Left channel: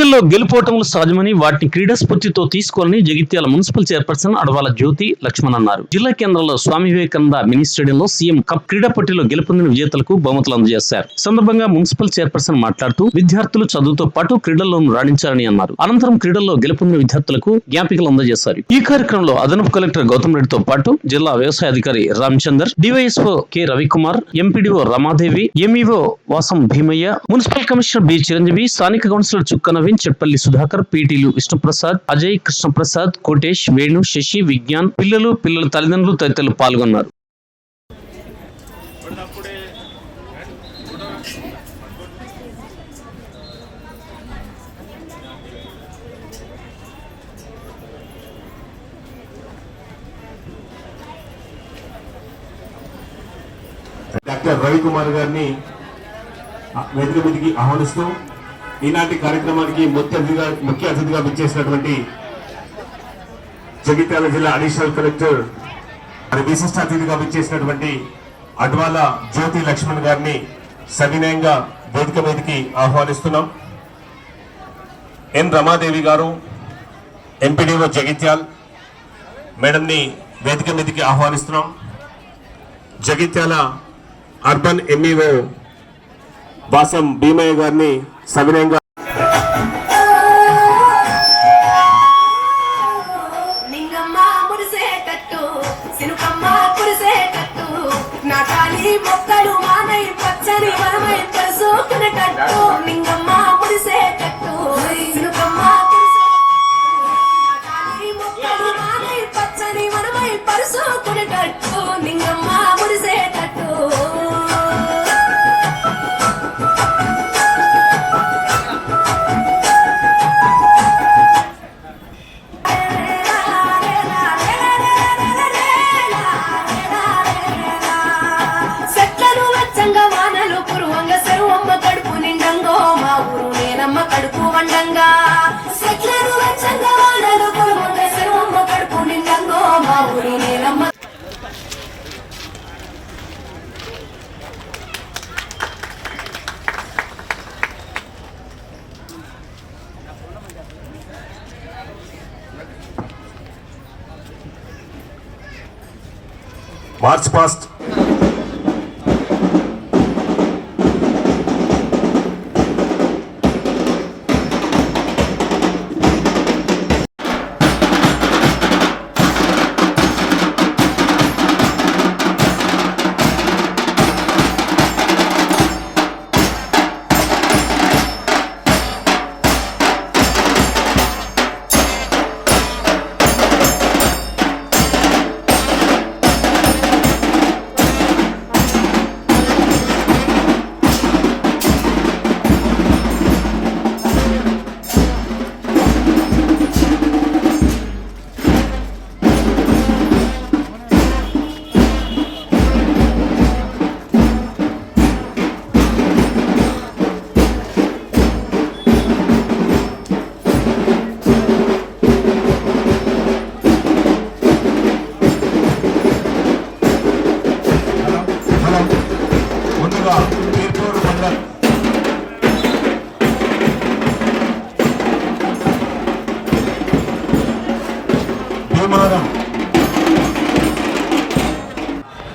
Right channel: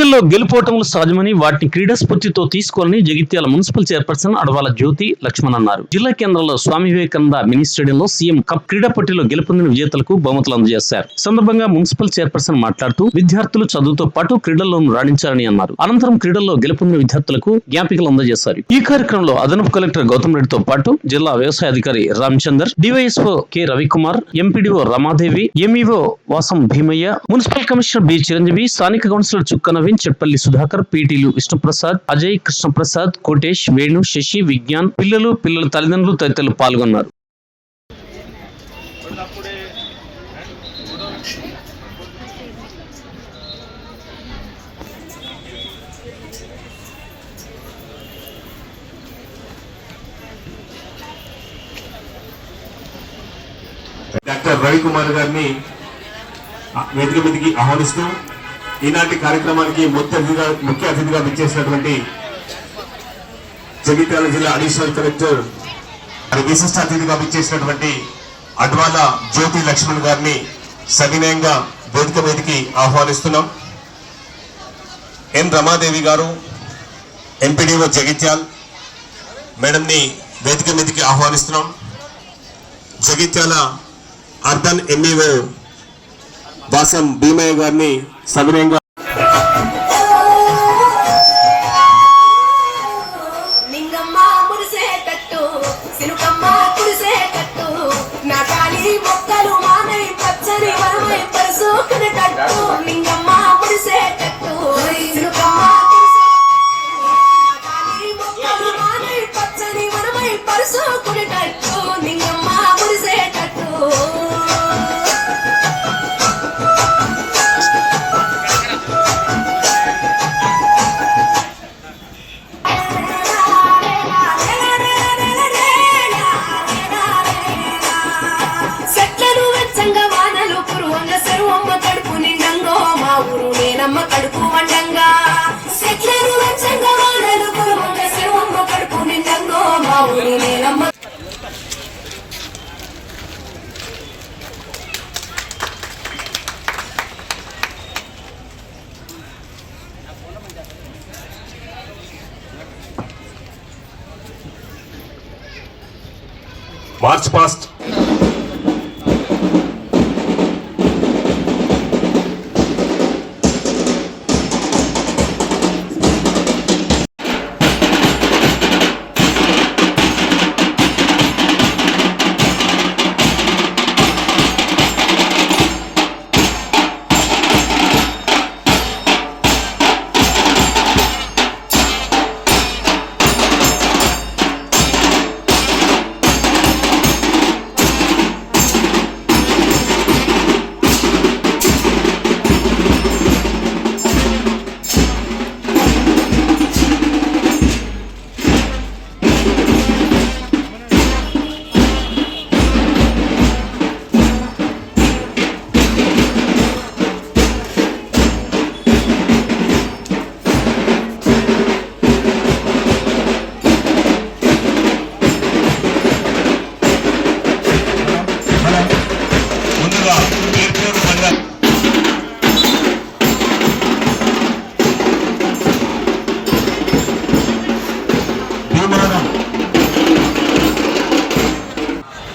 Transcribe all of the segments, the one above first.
క్రీడల్లో గెలుపోవటములు సహజమని వాటిని క్రీడా స్ఫూర్తితో తీసుకోవాలని జగిత్యాల మున్సిపల్ చైర్పర్సన్ అడవాల జ్యోతి లక్ష్మణ్ అన్నారు. జిల్లా కేంద్రంలో స్వామి వివేకానంద మినీ స్టేడియంలో సీఎం కప్ క్రీడా పోటీలో గెలుపొందిన విజేతలకు బహుమతులు అందజేశారు. సందర్భంగా మున్సిపల్ చైర్పర్సన్ మాట్లాడుతూ విద్యార్థులు చదువుతో పాటు క్రీడల్లోనూ రాణించారని అన్నారు. అనంతరం క్రీడల్లో గెలుపొందిన విద్యార్థులకు జ్ఞాపికలు అందజేశారు. ఈ కార్యక్రమంలో అదనపు కలెక్టర్ గౌతమ్ రెడ్డితో పాటు జిల్లా వ్యవసాయ అధికారి Ramachandar DYSO K Ravikumar MPDO Ramadevi MEO Vasam Bheemaiah municipal commissioner B Chiranjeevi స్థానిక కౌన్సిలర్ చుక్కనవి నవీన్ చెట్పల్లి సుధాకర్ పీటీలు విష్ణుప్రసాద్ అజయ్ కృష్ణప్రసాద్ కోటేష్ వేణు శశి విజ్ఞాన్ పిల్లలు పిల్లల తల్లిదండ్రులు తదితరులు పాల్గొన్నారు. డాక్టర్ రవికుమార్ గారిని ఆ, వేదిక మీదకి ఆహ్వానిస్తూ ఈనాటి కార్యక్రమానికి ముఖ్య అతిథిగా ముఖ్య అతిథిగా విచ్చేసినటువంటి జగిత్యాల జిల్లా అడిషనల్ కలెక్టర్ విశిష్ట అతిథిగా విచ్చేసినటువంటి అడ్వాల జ్యోతి లక్ష్మణ్ గారిని సవినయంగా వేదిక మీదకి ఆహ్వానిస్తున్నాం. ఎన్ రమాదేవి గారు ఎంపీడీఓ జగిత్యాల్ మేడంని వేదిక మీదకి ఆహ్వానిస్తున్నాం. జగిత్యాల అర్బన్ ఎంఈఓ వాసం భీమయ్య గారిని సవినయంగా Thank you. మార్చ్ పాస్ట్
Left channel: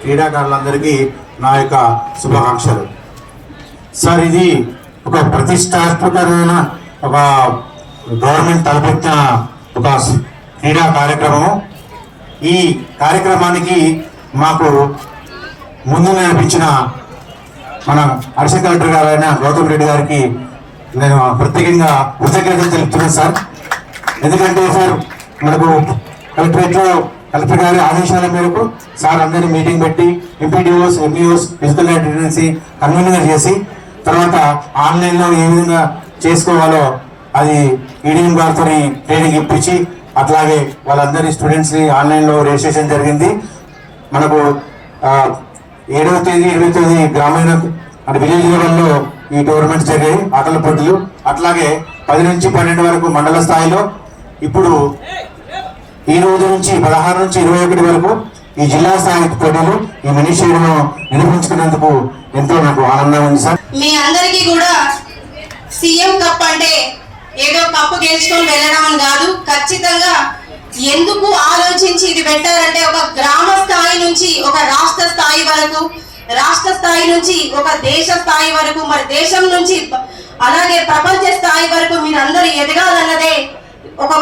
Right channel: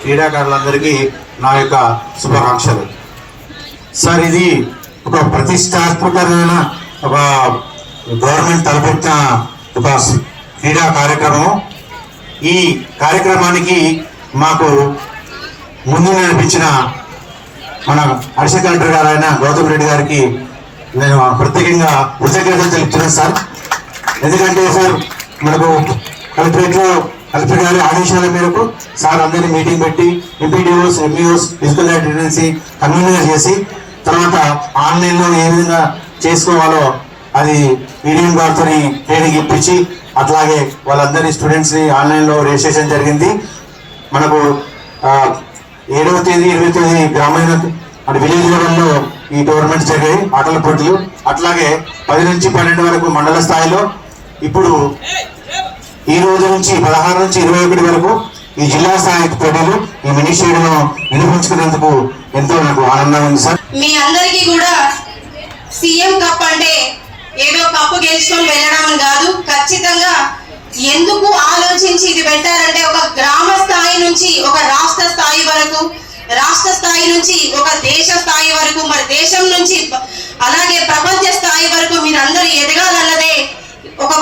క్రీడాకారులందరికీ నా యొక్క శుభాకాంక్షలు. సార్ ఇది ఒక ప్రతిష్టాత్మకమైన ఒక గవర్నమెంట్ తలపెట్టిన ఒక క్రీడా కార్యక్రమం. ఈ కార్యక్రమానికి మాకు ముందు నేర్పించిన మన అడిషనల్ కలెక్టర్ గారైన గౌతమ్ రెడ్డి గారికి నేను ప్రత్యేకంగా కృతజ్ఞతలు తెలుపుతున్నాను సార్. ఎందుకంటే సార్ మనకు కలెక్టరేట్లో కలెక్టర్ గారి ఆదేశాల మేరకు సార్ అందరినీ మీటింగ్ పెట్టి MPDOs MEOs physical attendance convener చేసి తర్వాత ఆన్లైన్లో ఏ విధంగా చేసుకోవాలో అది ఈడిఎం గారితో ట్రైనింగ్ ఇప్పించి అట్లాగే వాళ్ళందరి స్టూడెంట్స్ని ఆన్లైన్లో రిజిస్ట్రేషన్ జరిగింది. మనకు ఏడవ తేదీ ఇరవై తేదీ గ్రామీణ అంటే విలేజ్ లెవెల్లో ఈ టోర్నమెంట్స్ జరిగాయి ఆటల పోటీలు. అట్లాగే పది నుంచి పన్నెండు వరకు మండల స్థాయిలో ఇప్పుడు ఈ రోజు నుంచి పదహారు నుంచి ఇరవై ఒకటి వరకు ఈ జిల్లా స్థాయి పోటీలు ఈ మినీ నిర్వహించుకునేందుకు ఎంతో నాకు ఆనందం ఉంది సార్. మీ అందరికీ కూడా సీఎం కప్ అంటే ఏదో కప్పు గెలుచుకొని వెళ్ళడం అని కాదు ఖచ్చితంగా ఎందుకు ఆలోచించి ఇది పెట్టారంటే ఒక గ్రామ స్థాయి నుంచి ఒక రాష్ట్ర స్థాయి వరకు రాష్ట్ర స్థాయి నుంచి ఒక దేశ స్థాయి వరకు మరి దేశం నుంచి అలాగే ప్రపంచ స్థాయి వరకు మీరందరూ ఎదగాలన్నదే ఒక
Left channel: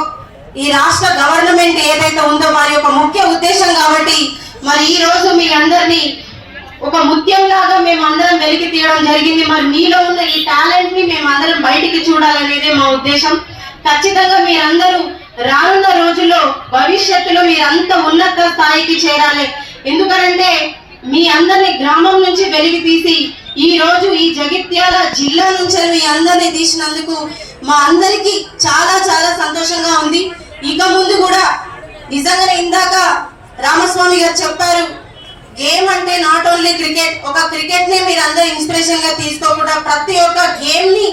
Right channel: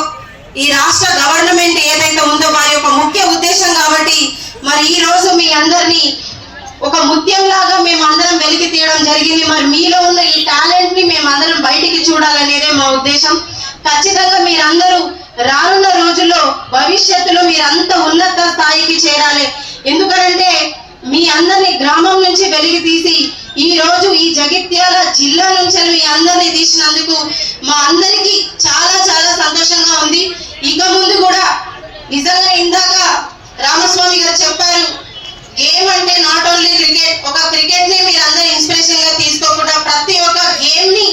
ఈ రాష్ట్ర గవర్నమెంట్ ఏదైతే ఉందో వారి యొక్క ముఖ్య ఉద్దేశం కాబట్టి మరి ఈ రోజు మీ అందరినీ ఒక ముఖ్యంలాగా మేము అందరం వెలికి తీయడం జరిగింది. మరి మీలో ఉన్న ఈ టాలెంట్ని మేము అందరం బయటికి చూడాలనేదే మా ఉద్దేశం. ఖచ్చితంగా మీరందరూ రానున్న రోజుల్లో భవిష్యత్తులో మీరంతా ఉన్నత స్థాయికి చేరాలి. ఎందుకంటే మీ అందరిని గ్రామం నుంచి వెలిగి తీసి ఈ రోజు ఈ జగిత్యాల జిల్లా నుంచి మీ అందరిని తీసినందుకు మా అందరికీ చాలా చాలా సంతోషంగా ఉంది. ఇక ముందు కూడా నిజంగానే ఇందాక రామస్వామి గారు చెప్పారు గేమ్ అంటే నాట్ ఓన్లీ క్రికెట్ ఒక క్రికెట్ని మీరందరూ ఇన్స్పిరేషన్గా తీసుకోకుండా ప్రతి ఒక్క గేమ్ని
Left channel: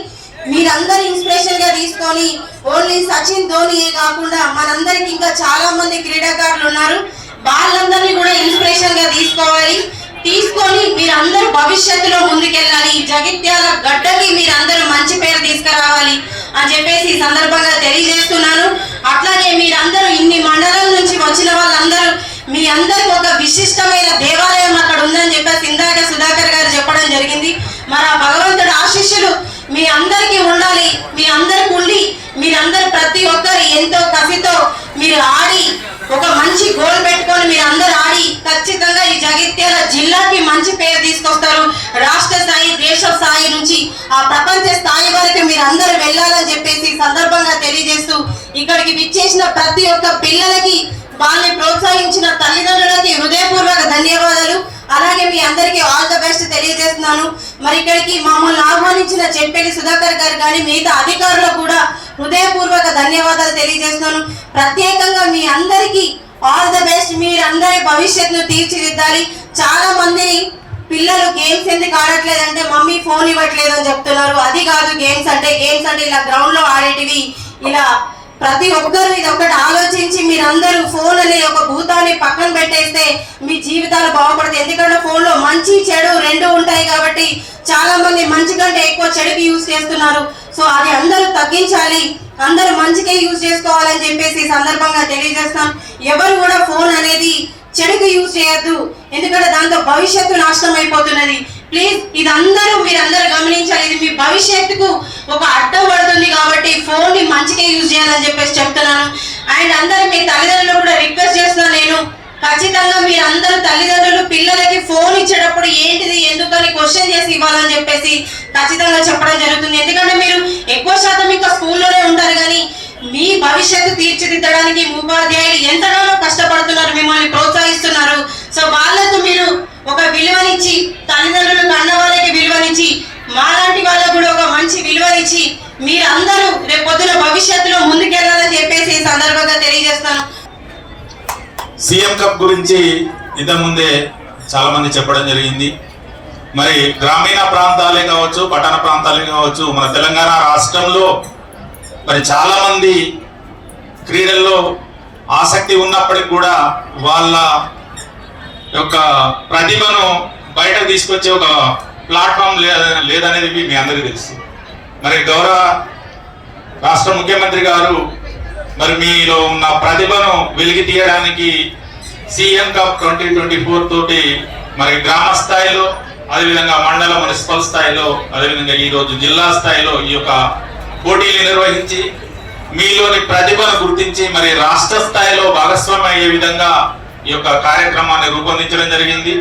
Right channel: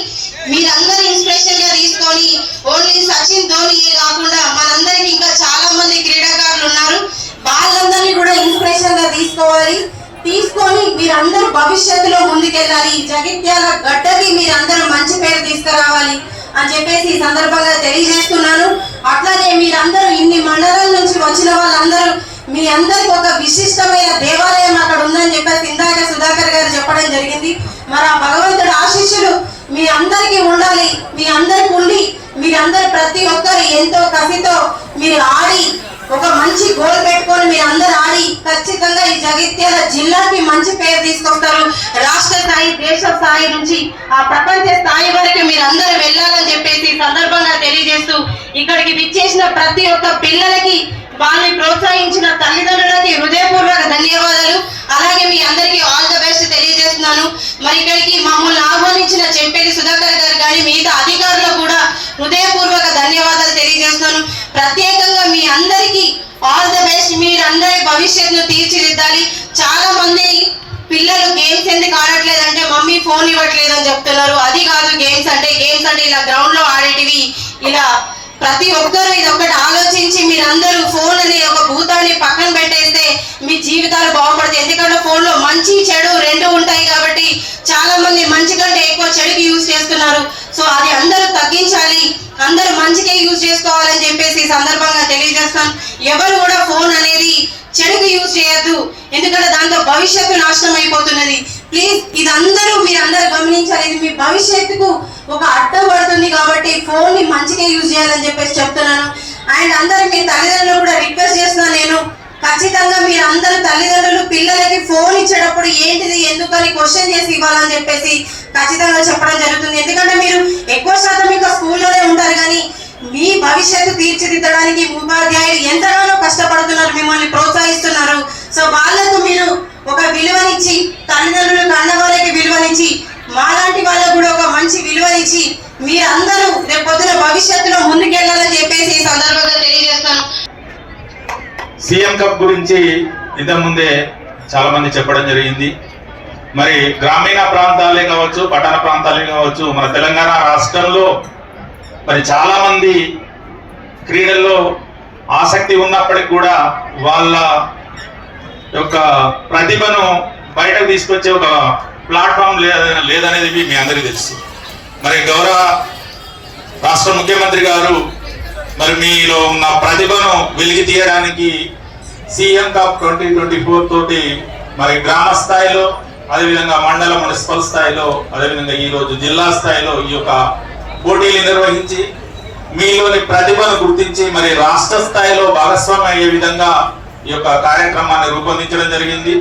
మీరందరూ ఇన్స్పిరేషన్గా తీసుకొని ఓన్లీ సచిన్ ధోనియే కాకుండా మనందరికి ఇంకా చాలా మంది క్రీడాకారులు ఉన్నారు. వాళ్ళందరినీ కూడా ఇన్స్పిరేషన్గా తీసుకోవాలి. తీసుకొని మీరందరూ భవిష్యత్తులో ముందుకెళ్ళాలి. ఈ జగిత్యాల గడ్డకి మీరందరూ మంచి పేరు తీసుకురావాలి అని చెప్పేసి ఈ సందర్భంగా తెలియజేస్తున్నాను. అట్లాగే మీరందరూ ఇన్ని మండలాల నుంచి వచ్చిన వాళ్ళందరూ మీ అందరికి ఒక విశిష్టమైన దేవాలయం అక్కడ ఉందని చెప్పేసి ఇందాక సుధాకర్ గారు చెప్పడం జరిగింది. మరి ఆ భగవంతుడు ఆశీస్సులు మీ అందరికీ ఉండాలి. మీ అందరికి ఉండి మీరందరూ ప్రతి ఒక్కరు ఎంతో కసితో మీరు ఆడి ఒక మంచి గోల్ పెట్టుకొని మీరు అందరు ఆడి ఖచ్చితంగా ఈ జగిత్యాల జిల్లాకి మంచి పేరు తీసుకొస్తారు. రాష్ట్ర స్థాయి దేశ స్థాయి నుంచి ఆ ప్రపంచ స్థాయి వరకు మీరు అందరు వెళ్ళాలని చెప్పేసి సందర్భంగా తెలియజేస్తూ ఇక్కడికి విచ్చేసిన ప్రతి ఒక్క పిల్లలకి వాళ్ళని ప్రోత్సహించిన తల్లిదండ్రులకి హృదయపూర్వక ధన్యవాదాలు. అలాగే మీ అందరికీ ఆల్ ద బెస్ట్ తెలియజేస్తున్నాను. మరి ఇక్కడికి మమ్మల్ని ఆహ్వానించిన చెప్పేది సుధాకర్ గారు కానీ మిగతా అధికారులు కూడా హృదయపూర్వక ధన్యవాదాలు తెలియజేస్తున్నాను. ప్రత్యేక మీ అందరికీ ఆల్ ద బెస్ట్ మీరందరి భవిష్యత్తును తీర్చిదిద్దాలి. చాలా మంది పిల్లలు గేమ్స్ ఎందుకు ఆడట్లేదు అంటే మమ్మీ ఫోన్ ఇవ్వట్లేదు అని చెప్తున్నారు. అది కాదు గేమ్స్ అంటే గేమ్స్ అంటే ఇలా గ్రౌండ్లో ఆడేటివి. ఇలా ప్రతి ఒక్కరూ ఇది ఒకటి ఆలోచించి మీరందరూ ఫోన్ అనే ఒక భూతాన్ని పక్కన పెట్టేస్తే మీ జీవితాలు బాగుపడతాయి. ఎందుకంటే ఫోన్లో మంచి చెడు రెండు ఉంటాయి కాబట్టి చాలా మంది మంచి కంటే ఎక్కువ చెడుకి యూజ్ చేస్తున్నారు. సో అది అందరూ తగ్గించాలి. అందరూ మంచికే యూజ్ చేసుకోవాలని చెప్పేసి ఈ సందర్భంగా తెలియజేస్తాం ఎవరు కూడా ఫోన్ అనేది చెడుకు యూజ్ చేయొద్దు. ఎందుకంటే దాంతో భవిష్యత్తు నాశనం అయిపోతున్నది. ప్లీజ్ ఇదందరూ మీరందరూ గమనించాలి. ఇది మీ భవిష్యత్తుకు ఒక అడ్డం పడుతుంది కాబట్టి ఫోన్ని మంచిగా యూజ్ చేయాలని చెప్పేసి చెప్తున్నాను. అండ్ అందరు మీ తల్లిదండ్రులు కూడా రిక్వెస్ట్ చేస్తున్నాను నేను ఖచ్చితంగా మీరందరూ తల్లిదండ్రులు పిల్లలకి ఫోన్ ఇచ్చేటప్పుడు ఏంటిది ఎందుకని క్వశ్చన్ చేసి ఇవ్వాలని చెప్పేసి ఖచ్చితంగా చెప్పడం జరుగుతుంది. ఎందుకంటే మీరు ఎక్కువ శాతం ఇంకా స్కూల్లోనే ఉంటారు కానీ మీ భవిష్యత్తు తీర్చిదిద్దడానికి ఉపాధ్యాయులు ఎంతగానో కష్టపడుతున్నారు మిమ్మల్ని ప్రోత్సహిస్తున్నారు. సో వాళ్ళకు మీరు ఒక విలువనిచ్చి తల్లిదండ్రులు కన్న వాళ్ళకి విలువనిచ్చి మాలాంటి వాళ్ళకు కూడా ఒక మంచి విలువనిచ్చి మీరందరూ రేపు పొద్దున భవిష్యత్తులో ముందుకెళ్ళాలని చెప్పేసి ఈ సందర్భంగా తెలియజేస్తాను సీఎం కప్ గురించి ఇంతకుముందే చాలా మంది చెప్పడం జరిగింది. మరి గ్రామీణ ప్రాంతాలే కావచ్చు పట్టణ ప్రాంతాలే కావచ్చు మన తెలంగాణ రాష్ట్రంలో మరి చాలా మంది క్రీడల్లో ఆసక్తి ఉన్నప్పటికి కూడా వాళ్ళ యొక్క ప్రతిభను బయటకు తీసుకొచ్చే ఒక ప్లాట్ఫామ్ లేదనేది మీ అందరికీ తెలుసు. మరి గౌరవ రాష్ట్ర ముఖ్యమంత్రి గారు మరి మీలో ఉన్న ప్రతిభను వెలికి తీయడానికి CM cup twenty twenty four తోటి మరి గ్రామ స్థాయిలో అదేవిధంగా మండల మున్సిపల్ స్థాయిలో అదేవిధంగా ఈరోజు జిల్లా స్థాయిలో ఈ యొక్క పోటీలు నిర్వహించి మీలోని ప్రతిభను గుర్తించి మరి రాష్ట్ర స్థాయిలో భాగస్వామ్యం అయ్యే విధంగా ఈ యొక్క కార్యక్రమాన్ని రూపొందించడం జరిగింది.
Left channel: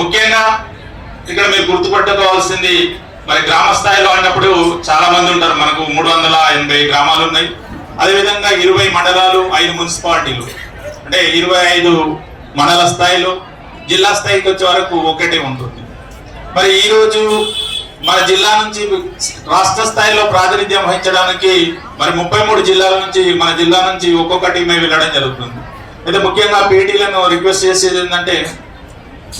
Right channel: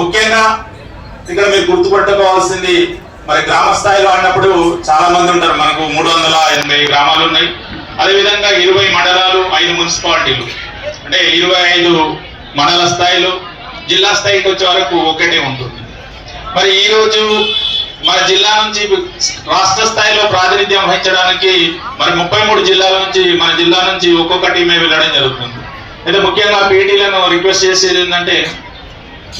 ముఖ్యంగా ఇక్కడ మీరు గుర్తుపట్టుకోవాల్సింది మరి గ్రామ స్థాయిలో అన్నప్పుడు చాలా మంది ఉంటారు. మనకు మూడు వందల ఎనభై గ్రామాలు ఉన్నాయి. అదేవిధంగా ఇరవై మండలాలు ఐదు మున్సిపాలిటీలు. అంటే ఇరవై ఐదు మండల స్థాయిలో జిల్లా స్థాయికి వచ్చే వరకు ఒకటే ఉంటుంది. మరి ఈరోజు మన జిల్లా నుంచి రాష్ట్ర స్థాయిలో ప్రాతినిధ్యం వహించడానికి మరి ముప్పై మూడు జిల్లాల నుంచి మన జిల్లా నుంచి ఒక్కొక్క టీమే వెళ్ళడం జరుగుతుంది. అయితే ముఖ్యంగా పీటీలను రిక్వెస్ట్ చేసేది ఏంటంటే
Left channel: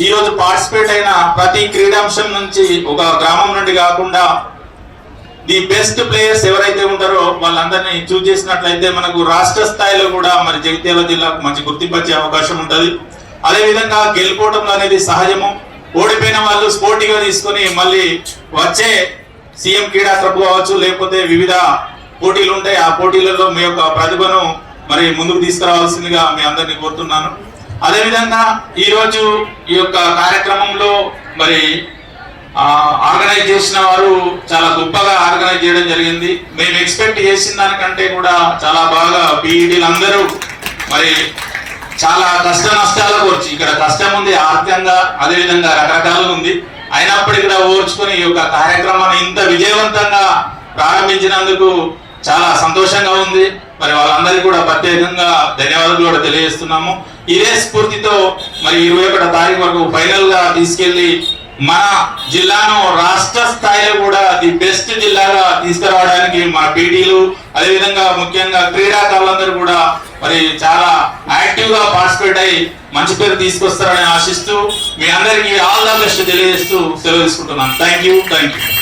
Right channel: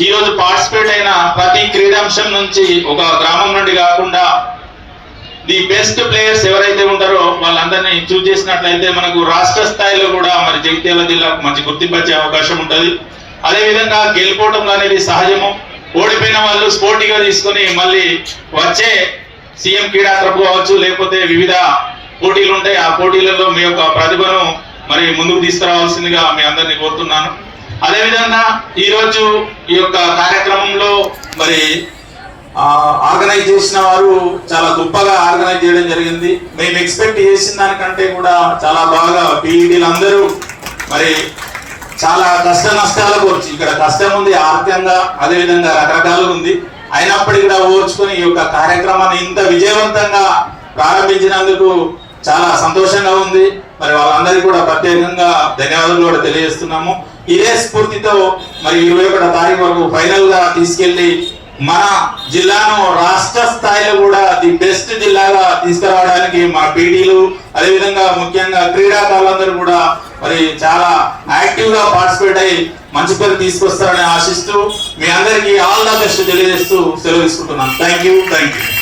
ఈ రోజు పార్టిసిపేట్ అయిన ప్రతి క్రీడాంశం నుంచి ఒక గ్రామం నుండి కాకుండా ది బెస్ట్ ప్లేయర్స్ ఎవరైతే ఉంటారో వాళ్ళందరినీ చూజ్ చేసినట్లయితే మనకు రాష్ట్ర స్థాయిలో కూడా మరి జగిత్యాల జిల్లాకు మంచి గుర్తింపు వచ్చే అవకాశం ఉంటుంది. అదే విధంగా గెలుపోవటం అనేది సహజము. ఓడిపోయిన వాళ్ళు స్పోర్టివ్గా తీసుకొని మళ్ళీ వచ్చే సీఎం క్రీడా క్లబ్ కావచ్చు లేకపోతే వివిధ పోటీలు ఉంటాయి. ఆ పోటీలలో మీ యొక్క ప్రతిభను మరి ముందుకు తీసుకురావాల్సిందిగా మీ అందరినీ కోరుతున్నాను. అదేవిధంగా ఈరోజు ఈ యొక్క కార్యక్రమంలో మరి ఆర్గనైజ్ చేసిన వారు చాలా గొప్పగా ఆర్గనైజ్ చేయడం జరిగింది. మేము ఎక్స్పెక్ట్ చేసిన దానికంటే కూడా చాలా బాగా పీఈడీలు అందరూ మరి చాలా కష్ట నష్టాలకు వచ్చి ఇక్కడ కష్టం ఉంది ఆర్థికంగా అదేవిధంగా రకరకాలు ఉంది. అయినప్పటికీ కూడా ఓర్చుకొని ఈ యొక్క కార్యక్రమాన్ని ఇంత విజయవంతంగా ప్రారంభించినందుకు చాలా సంతోషంగా ఉంది. మరి వాళ్ళందరికీ కూడా ప్రత్యేకంగా ధన్యవాదాలు కూడా తెలియజేస్తున్నాము. ఇదే స్ఫూర్తితో మరి ఇరవై ఒకటో తారీఖు వరకు ఫైనల్గా తీసుకెళ్ళి మన జిల్లాను రాష్ట్ర స్థాయిలో కూడా ది బెస్ట్ జిల్లాగా తీసుకురావడానికి మా పీడీలు అదేవిధంగా ముఖ్యంగా క్రీడాకారులందరూ కూడా మరి చాలా యాక్టివ్గా పార్టిసిపేట్ అయ్యి మంచి పేరు తీసుకొస్తారని ఆశిస్తూ మీ అందరికీ ఆల్ ద బెస్ట్ తెలియజేస్తూ సెలవు తీసుకుంటున్నాను. Thank you thank you